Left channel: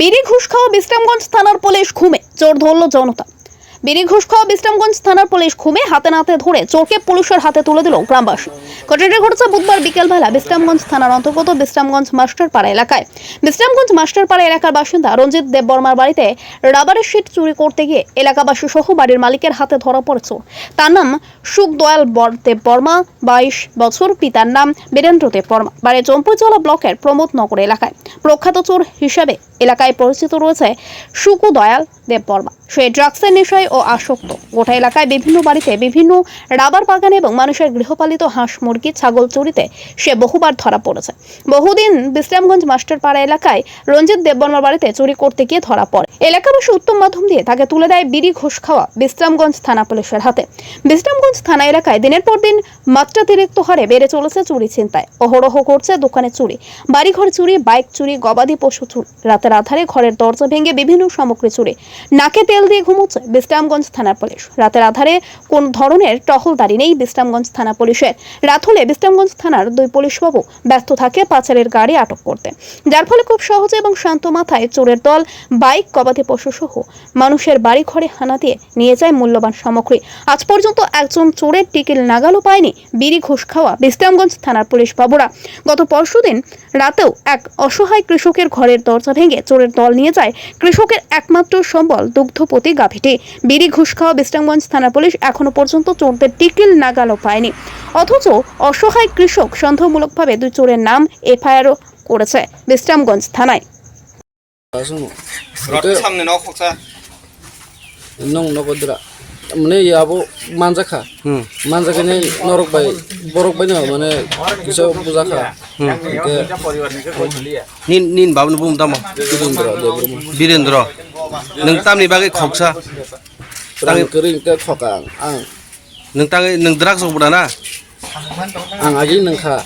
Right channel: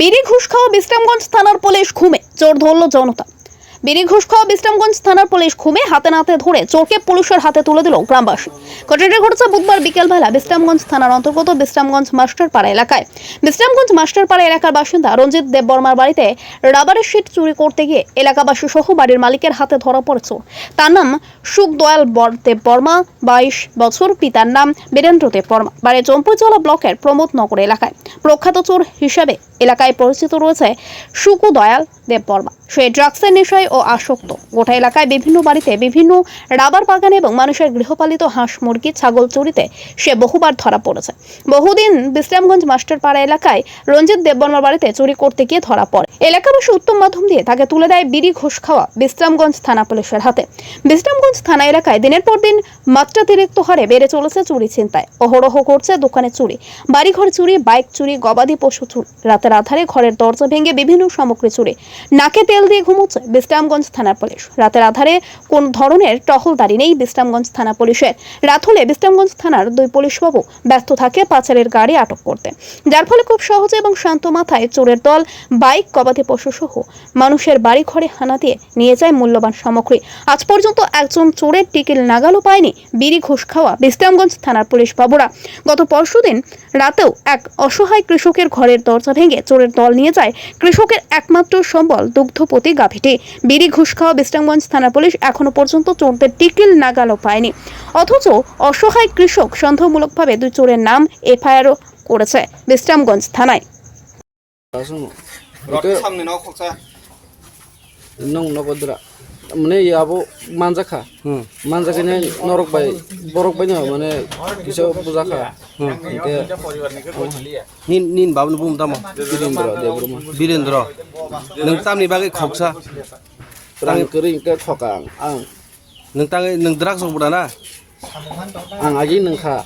বিড়ি ঘুষ খাওয়া বিশ্রামগঞ্জ থানার পুলিশ ঘুমে চোর ধরল জনতা। বিড়ি ঘুষ খাওয়া বিশ্রামগঞ্জ থানার পুলিশ ঘুমে হাতে নাতে ধরে চোরকে পুলিশের হাতে তুলে দিল গ্রামবাসী। ঘটনাটি ঘটেছে বুধবার বিকেলবেলা বিশ্রামগঞ্জ থানার অন্তর্গত বিশ্রামগঞ্জ মাস্টারপাড়া এলাকায়। বিশ্রামগঞ্জ মাস্টারপাড়া এলাকার বাসিন্দা রঞ্জিত দেববর্মার বাড়িতে রাবারের শিট চুরি করতে গিয়ে এলাকাবাসী সহ বাড়ির মালিকের হাতে ধরা পড়ে চোর। তার নাম সুখদয়াল দেববর্মা, 22 বছর। পিতার নাম বীরেন্দ্র দেববর্মা, বাড়ি জম্পুজলা ব্লকের প্রমোদনগর এলাকায়। প্রখ্যাত চোর হিসেবে এলাকায় পরিচিত রয়েছে সুখদয়াল দেববর্মা। সে ড্রাগসের নেশায় ও আসক্ত। গোটা এলাকায় বিভিন্ন বাড়িতে, বিভিন্ন রাবার বাগানে এবং মানুষের গৃহপালিত হাঁস, মুরগি, ছাগল চুরিতে সে বহুবার ধরা পড়েছে। বহুদিন বিশ্রামগঞ্জ মাস্টারপাড়া এলাকায় রঞ্জিত দেববর্মার বাড়িতে চুরি করতে গিয়ে ধরা পড়ে। এলাকাবাসী উত্তম মাধ্যম দিয়ে তাকে তুলে দেয় বিড়ি ঘুষ খাওয়া বিশ্রামগঞ্জ থানা পুলিশের হাতে। বিশ্রামগঞ্জ থানা এলাকায় দিনের পর দিন মাত্রাতিরিক্ত হারে বেড়ে চলেছে চুরি ছিনতাই। অহরহ করছে দোকানে চুরি, বাড়িঘর চুরি, বাইক চুরি, গবাদি পশু চুরি। রাতের আধারে ঘরের দরজা ভেঙে বিভিন্ন সামগ্রী চুরি। নাকে তেল দিয়ে ঘুমোচ্ছে বিশ্রামগঞ্জ থানার পুলিশ। রাতের আধারে কোন ধরনের টহলদারি নেই বিশ্রামগঞ্জ থানা পুলিশের। রাত হলে বিশ্রামগঞ্জ থানার দুই পুলিশবাবু ব্যস্ত থাকে পাচারের গাড়ি আটক করতে, যার ফলে খুব সহজে এবং শান্ত মাথায় চোরের দল বাইক, গবাদি পশু সহ মানুষের বাড়ি ঘরে হানা দিয়ে নিয়ে যায় মূল্যবান সামগ্রী। আজ পর্যন্ত একজন চোরের টিকিল নাগালও পায়নি বিড়ি ঘুষ খাওয়া বিশ্রামগঞ্জ থানার পুলিশ বাবুরা। গত পরশুদিন রাতেও এক অসহায় কৃষকের ঘরের দরজা ভেঙে চোরের দল নিয়ে যায় কৃষকের একমাত্র সম্বল দুগ্ধপতি গাভীটি। বিড়ি ঘুষ খাওয়া বিশ্রামগঞ্জ থানা পুলিশ এখনো পর্যন্ত চোরদের টিকিল নাগালও পায়নি, অথচ অসহায় কৃষক সন্দেহমূলকভাবে দুই চোরের নাম এফআইআরও করেছে বিশ্রামগঞ্জ থানায়। মানে ইয়াবো মানজাখা মানজাখানে নরক বাই বরক बाय माने किसो बुजाखा nin nin babun bum dama Birendra nung tamni bagai khoksa tang kering ke khokang ang nung tangai nung drak so budana ang aji nang kha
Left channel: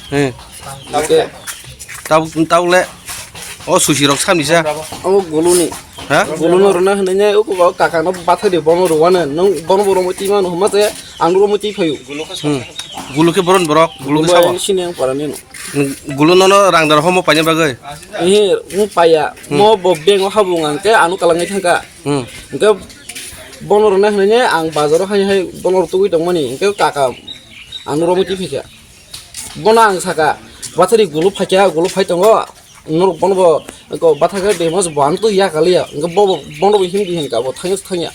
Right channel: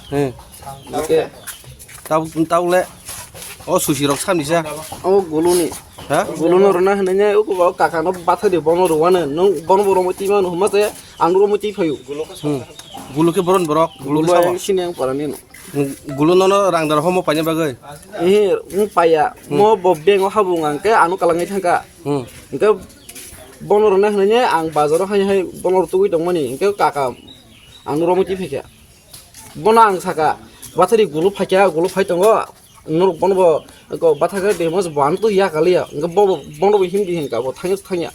ke tau le o sushi rok samni sa au guluni ha gulunu rona hnanya o ko kaka no bathari bono ruwana nong bono boro moti man huma je ang ro moti phayu gulu ke boron borok gulu ke sawo sineng parani no gulu no rang dar homo panya bagai mu paya mo bobeng o habung ang ke anu kalangai thangka ke bono rona hnanya ang bazaro hai bono tugui dongmani ke kaka ang ro moti phika bono ang saka bathari gulu phai tongo nor bono ko bathaga demos bang to ya kalia bono bo hindi hin ka bo thangya